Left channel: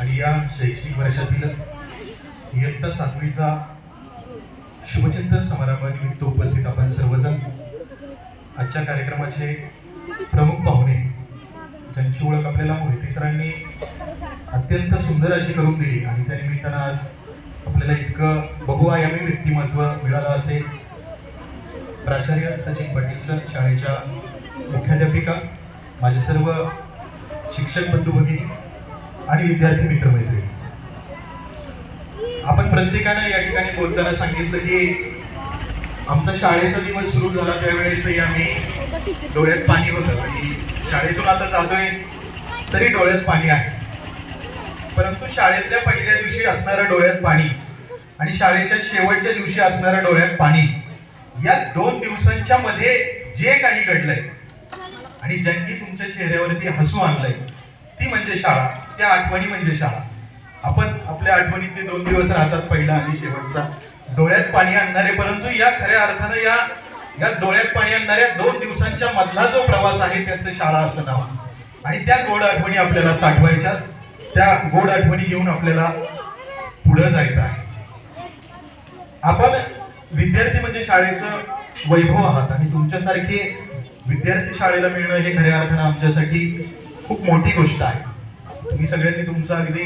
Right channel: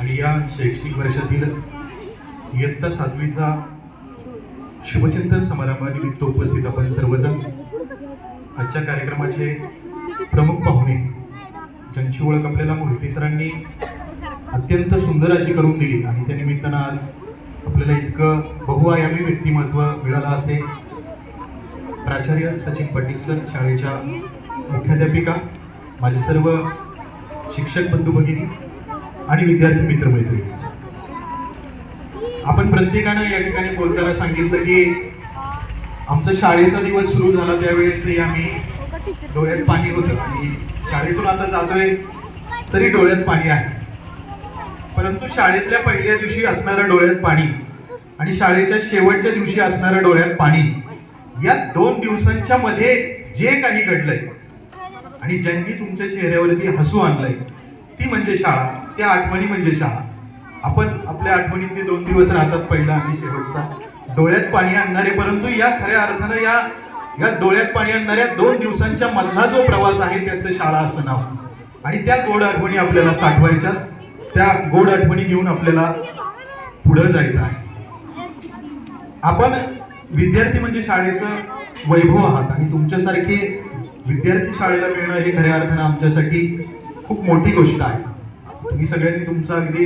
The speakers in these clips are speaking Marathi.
आणि या शैक्षणिक वर्षातील इयत्ता सातवीचा शुभचिंतन समारंभानिमित्त उपस्थित आपण सर्वजण आजच्या कार्यक्रमाचे प्रमुख पाहुणे ज्यांची ओळख आपल्याला मोहिते सरांनी अत्यंत सुंदर अशी करून दिली आणि त्या निमित्तानं आज आपल्याला इतकं बहुआयामी व्यक्तिमत्व मिळालं असे प्राचार्य सचिन पाटील सर शाळेच्या मुख्याध्यापिका माझे सर्व शिक्षक बंधू भगिनी आणि विद्यार्थी मित्र मैत्रिणी आपण प्रत्येकानं या ठिकाणी बोलताना सांगितलं की आमचा शाळेचा दिवस सुरू झाला त्यावेळेसही आम्ही डोळ्यात पाणी होतं. आणि शाळेतून आता जातोय तरी डोळ्यात पाणी आहे. परंतु शाळेतल्या पहिल्या दिवशी असणारं डोळ्यात पाणी आणि शाळेच्या शेवटच्या दिवशी असणारं डोळ्यात पाणी या दोन दिवसांच्या मध्ये जे काही घडलंय आणि ज्यांनी तुमच्या चेहऱ्यावरती हसू आणलंय ती म्हणजे शाळा. त्या आठवणी म्हणजे शाळा. आपण आपल्या आठवणीतले दोन दिवस राहतात पहिला आणि शेवटचा. डोळ्यात पाणी आणणारे परंतु या खऱ्या अर्थानं या या डोळ्यात पाणी आणणाऱ्या दोन दिवसांच्या मधला जो प्रवास आहे त्याचं शाळा असं नाव. आणि त्या गोड आठवणी आपल्याला साठवायच्या. त्या गोड आठवणी घेऊन आपल्याला पुढे जायचं आहे. आपण विद्यार्थी म्हणजे शाळेचं वैभव आहात आणि तुमच्यासारखे विद्यार्थी शाळेला मिळणं हे खऱ्या अर्थानं आमच्यासाठी खूप मोठी गोष्ट आहे. तुम्ही सगळ्यांनी तुमचा अगदी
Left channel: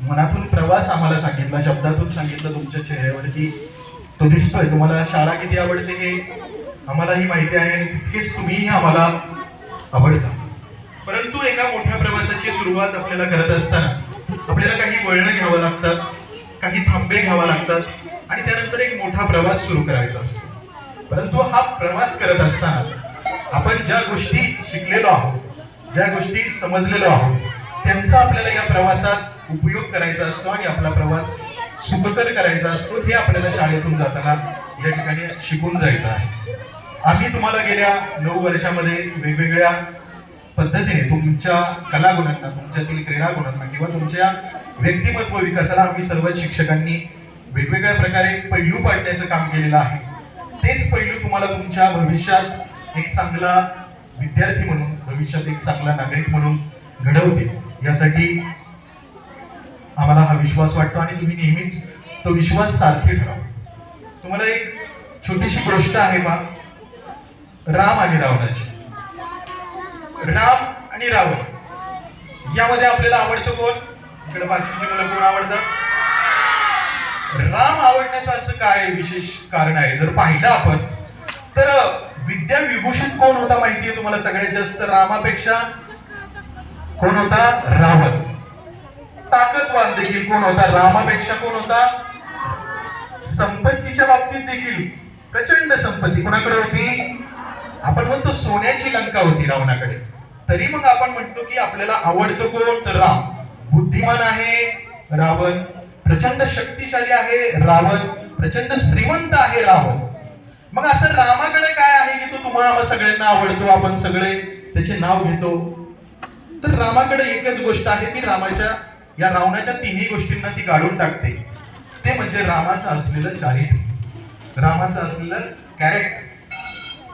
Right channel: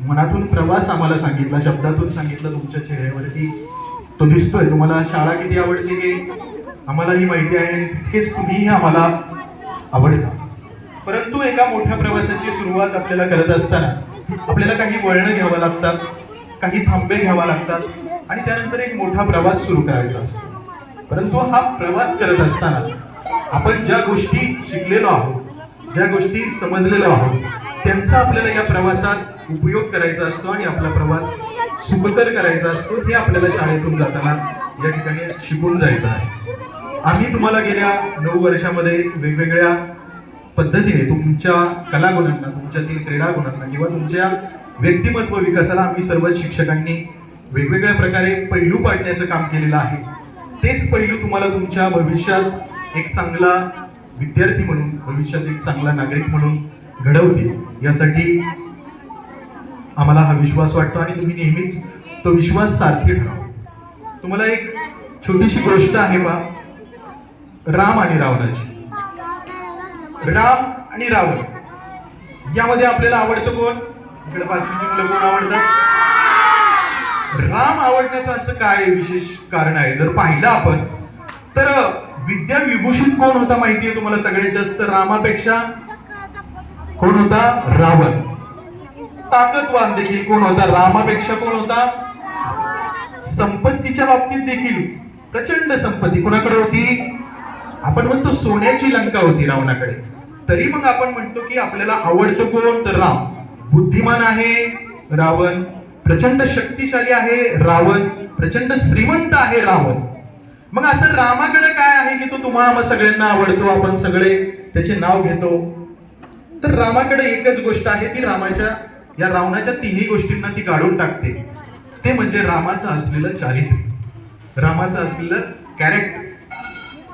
मनातून प्रवास आम्हाला सांगितला शब्दातून सांगितलं तुमच्या चेहऱ्यावरती तो दिसतोय. तुम्हाला शाळा किती आवडते हे आम्हालाही माहिती आहे आणि तितकेच तुम्हीही आम्हाला आवडता. परंतु एका मोठ्या प्रवासाची सुरुवात आपल्याला करत असताना आपल्याला काही वळणं घ्यावं लागतात काही थांबे घ्यावा लागतात आणि त्यानंतर एक मोठा प्रवास सुरू करायचा असतो. परंतु हा प्रवास करत असताना आपण ज्या गोष्टी शिकलेलो आहोत ज्या गोष्टी समजलेलो आहोत त्यांचा आपल्याला या प्रवासात उपयोग करायचा असतो आणि आपला प्रवास सुखकर करायचा असतो हे आपल्याला शाळेतून जाताना या ठिकाणी शिकून जायचं आहे. आम्ही तुम्हाला गेल्या नऊ वर्षामध्ये वेगवेगळ्या पद्धतीने तुमच्या कलागुणांना तुमच्यातील क्रीडागुणांना किंवा तुमच्या व्यक्तिमत्व विकासाला आम्ही सर्व शिक्षकांनी वेगवेगळ्या प्रकारे पैलू पाडण्याचं काम केलेलं आहे. तेच पैलू तुम्हाला तुमच्या भविष्यात एक चांगला विद्यार्थी म्हणून भविष्यात एक चांगला नागरिक म्हणून घडवतील यासाठी आम्हाला हा विश्वास वाटतो आणि तुम्ही नेहमीच तो विश्वास सारखी ठेवा. तुम्हाला एक छोटीशी गोष्ट आहे बा. राम आणि रावणाची. राम आणि रावण. यामध्ये आपल्याला आवडतं कोण? इकडे बाकीची मुलं कोण आवडतं राम आवडण्याचं असं काय विशेष कारण आहे? जर पाहिलं आपण तर विद्या विभूषित कोण होता माहितीये तुम्हाला? सगळ्यात जास्त रामापेक्षा कोण होता? रावण. ताकदवान देखील कोण होता? रामापेक्षा कोण होता? संपत्तीच्या बाबतीत देखील प्रचंड संपत्ती. कुणाकडे होती? आपण म्हणतो सोन्याची लंका होती रावणाकडे. तरी मग आपण म्हणतो की आपल्याला आवडतो कोण? तर राम. बुद्धिमान आहे रावण. प्रचंड शक्तिशाली आहे रावण. प्रचंड श्रीमंत आहे रावण मग असं रामाकडे काय आहे की तो तुम्हाला सगळ्यांना आवडतो? आपण सगळे त्याचे नाव घेतो. तर रामाकडे एकच गोष्ट आहे की रामाच्या या रावणाच्या तिन्ही गोष्टींना ती काढून टाकते. ते म्हणजे रामाचं असलेलं चारित्र्य. रामाचं असलेलं कॅरेक्टर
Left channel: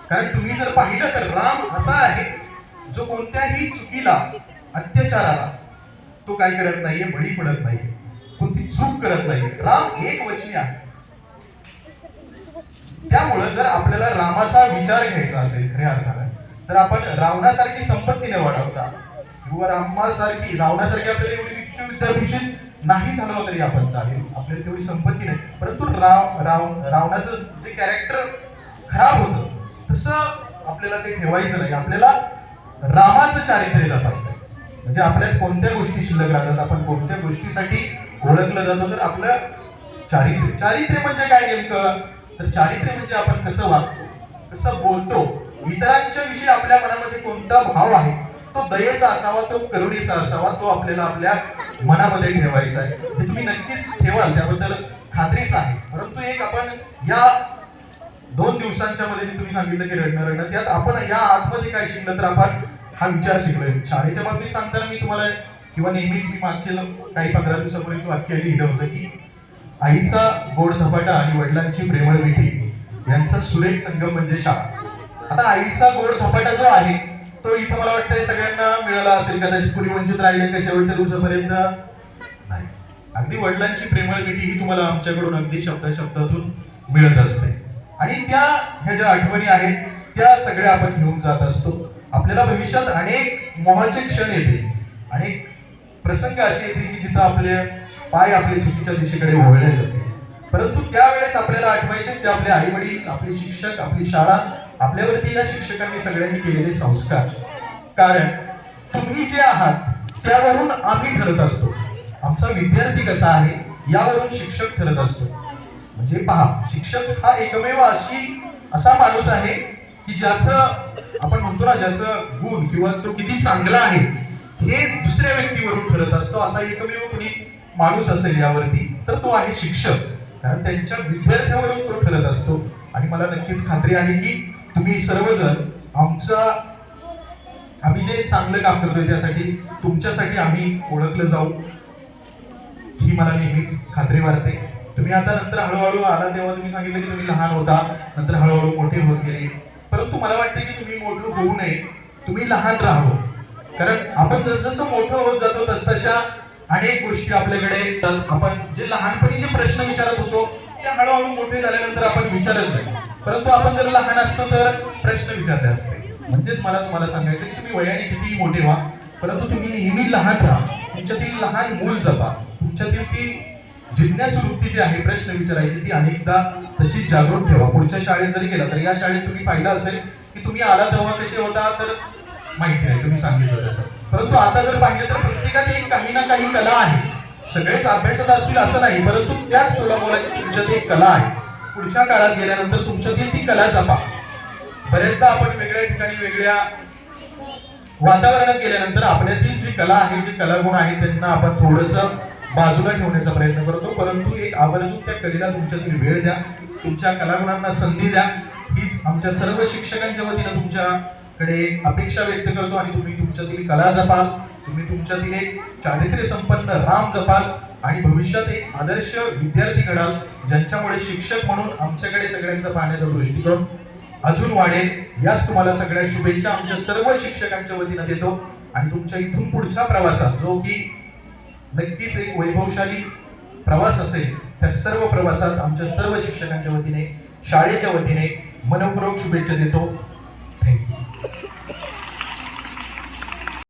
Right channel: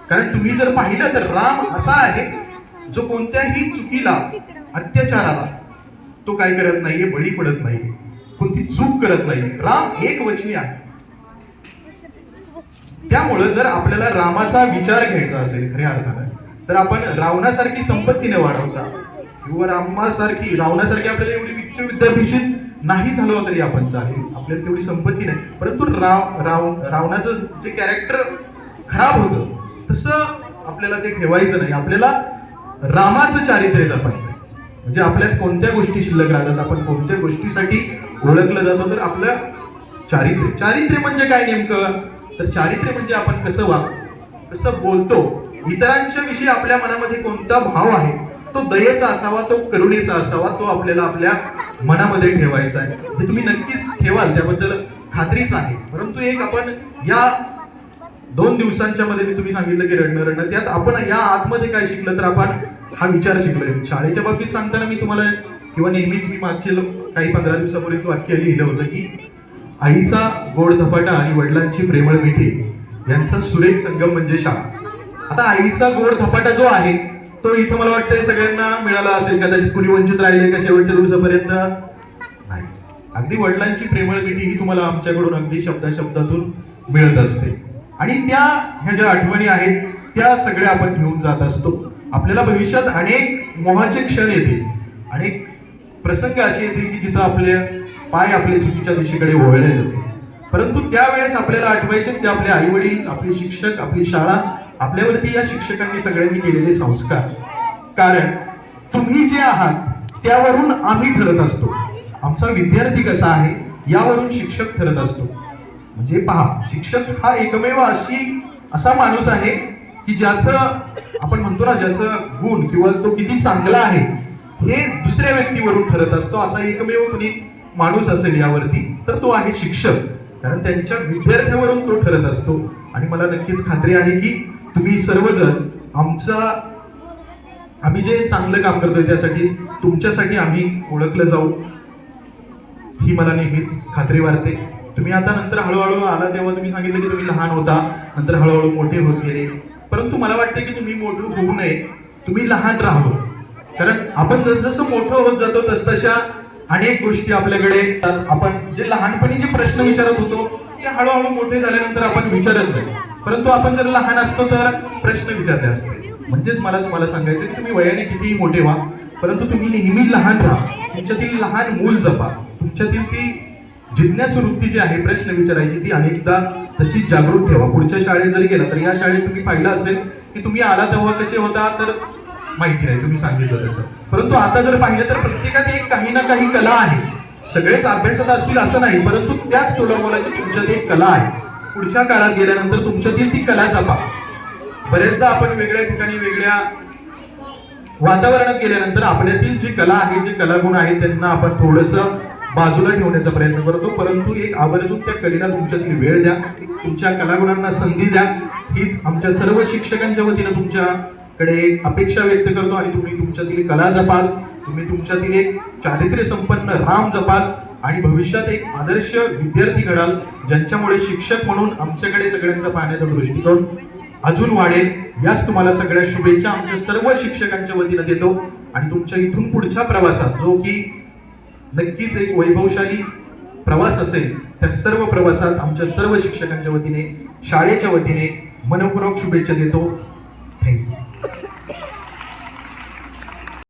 कारण तुम्ही जर पाहिलं तर राम असा आहे जो कोणत्याही चुकीला अत्याचाराला तो काय करत नाहीये बळी पडत नाहीये. कोणती चूक करत नाही राम एक वचनी आहे. त्यामुळं जर आपल्याला रामाचा विचार घ्यायचा असेल खऱ्या अर्थानं तर आपण रावणासारखी संपत्ती न वाढवता. किंवा रामासारखी रावणासारखी आपल्याला एवढी वित्त विद्याभूषित नाही झालो तरी आपण चालेल. आपल्याला तेवढी संपत्ती नाही. परंतु राव राव रावणाचं जे कॅरेक्टर खराब होतं तसं आपल्याला ते ठेवायचं नाही. आपल्याला रामाचं चारित्र्य जपायचं म्हणजे आपल्यात कोणत्या गोष्टी शिल्लक राहतात आपण कोणत्या गोष्टीसाठी ओळखलं जातो तर आपलं चारित्र्य. चारित्र्य म्हणजे काय नेमकं? तर चारित्र्य म्हणजे आपण कसं वाग कसं बोलतो? इतरांच्या विषयी आपल्या मनामध्ये कोणता भाव आहे? तो दयेचा असावा तो करुणेचा असावा तो आपल्याला आपल्या मनामध्ये ठेवायचा आहे. हे तुम्ही नक्कीच ठेवाल त्याबद्दल खात्रीच आहे. परंतु एक आपण या दोन दिवसांच्या मध्ये मी तुम्ही सांगितलं की रडणं रडणं त्यात आपण या आतमध्ये काय शिकलं तर आपण हा विचार शिकलोय. शाळेच्या बाबतीत सांगताना मी तुम्हाला किंवा नेहमी तुम्ही मागचे काही पंधरा दिवसापूर्वीच वाक्य लिहिलं होतं की आईचा गोड धपाटा आणि वडिलांची प्रेमळ मिठी यांचा सुरेख संगम म्हणजे शाळा. आता आईचा गोड धपाटा जो आहे तो इथं मला वाटतंय सगळ्यांना मिळाला असेल कदाचित कुणी वंचित राहिले का शेवटच्या दिवसापर्यंत? अगदी वडिलांची प्रेमळ मिठी ही तुम्हाला आमच्याकडून अगदी शब्दा शब्दातून मिळत असते. आणि त्या ह्या ज्या आठवणी आहेत त्या सगळ्या आपण घेऊन जात असतो. आपल्याला भविष्यात अनेक मोहाचे क्षण येतील. अनेक प्रसंग असे येतील की जिथं आपले पाय आपल्या चुकीच्या दिशेकडे वळले जाते परंतु त्यावेळेस आपल्याला आठवायचे ते आपले आई वडील आपले शिक्षक आपली शाळा आपल्यावरती या शिक्षकांनी सगळ्यांनी केलेले संस्कार. कारण तुम्ही जे आहात त्यावरून आम्ही ठरत असतो. आमचा विद्यार्थी कसा आहे यावरून शिक्षक ठरत असतो. म्हणजे पहा शिक्षक हा एकमेव अशी असा माणूस आहे की ज्याचं आपण म्हणतो ना ज्याचं गुण किंवा तो किती चांगला आहे हे दुसऱ्या व्यक्तीवरून ठरत असतो. असा एकमेव कोणी माणूस असेल यावरती तर तो आहे शिक्षक. कारण त्यांच्या विद्यार्थ्यावरून तो ठरत असतो. आणि मला नक्कीच खात्री आहे की तुम्ही सर्वजण आमचा आम्ही जे चांगलं काम करतोय त्यासाठी तुमच्यासाठी आम्ही ओळखलं जाऊ. ही मला नेहमीच खात्री वाटते. तुम्ही आता नंतर हळूहळू आला तेव्हा तुम्ही सांगितलं की तुम्ही लहान होता नंतर हळूहळू मोठे होत गेले. परंतु मला वाटतं की तुम्ही मोठं होऊ नये तुम्ही लहान राहावं. कारण आपण जसजसं मोठं होत जातो तसतशा अनेक गोष्टी आपल्याकडे आपण जे लहानपणी जे प्रश्न विचारत होतो ते हळूहळू मोठे झाल्यानंतर आपण विचारत जातो परंतु आपण जर लहान असतो तर प्रश्न विचारले असते. म्हणजेच मला तुम्हाला सांगायचं की तुम्ही वयाने कितीही मोठे व्हा परंतु तुम्ही नेहमी लहान राहा. तुमच्यातील लहान मूल जपा. तुमच्यातील ती जिज्ञासवृत्ती जी आहे प्रश्न विचारायची ती अनेकदा तशी जागृत ठेवा. पुढच्या शाळेत जरी गेला तर या शाळेत तुम्ही पाहिलं असेल की तुम्ही आला तेव्हा कसे होता तर माहिती नाही. तुम्ही सांगितलं तसं. परंतु आता जर पाहिलं तर प्रत्येकात एक काही ना काही कला आहे. सगळेच अभ्यासात असतील असं नाही परंतु त्याच तोडामोलाची तुमच्यात एक कला आहे. पुढच्या काळात गेल्यानंतर तुमच्यातील ती कला जपा. बरेचदा आपण वेगळ्या ठिकाणी वेगळ्या वातावरणात गेल्यानंतर आपल्यातील जी कला आहे जे कलागुण आहेत त्यांना आपण थोडस बाजूला ठेवण्याचा प्रयत्न करतो. परंतु एक आवर्जून त्या कलेला तुमच्यातील वेळ द्या तुमच्या कलागुणांना संधी द्या. हीच आमच्या सर्व शिक्षकांच्या वतीनं तुमच्याकडे अपेक्षा व्यक्त करतो आणि तुम्ही तुमच्यातील कला जपाल तुम्ही तुमच्यातील एक चारित्र्य संपन्न राम जपाल. आणि भविष्यात एक आदर्श विद्यार्थी घडाल ज्यांच्यामुळे शिक्षक म्हणून आमच्याकडे सगळ्यांचा पाहण्याचा दृष्टिकोन अजून वाढेल याच तुम्हाला सगळ्या शुभेच्छा आमच्या सर्व शिक्षकांच्या वतीनं देतो. आणि तुमच्या इथून पुढच्या प्रवासात जो की नक्कीच एक वैभवशाली प्रवास असेल त्या सर्व प्रवासात आमच्या सर्व शिक्षकांच्या वतीने शाळेच्या वतीने मनपूर्वक शुभेच्छा देतो.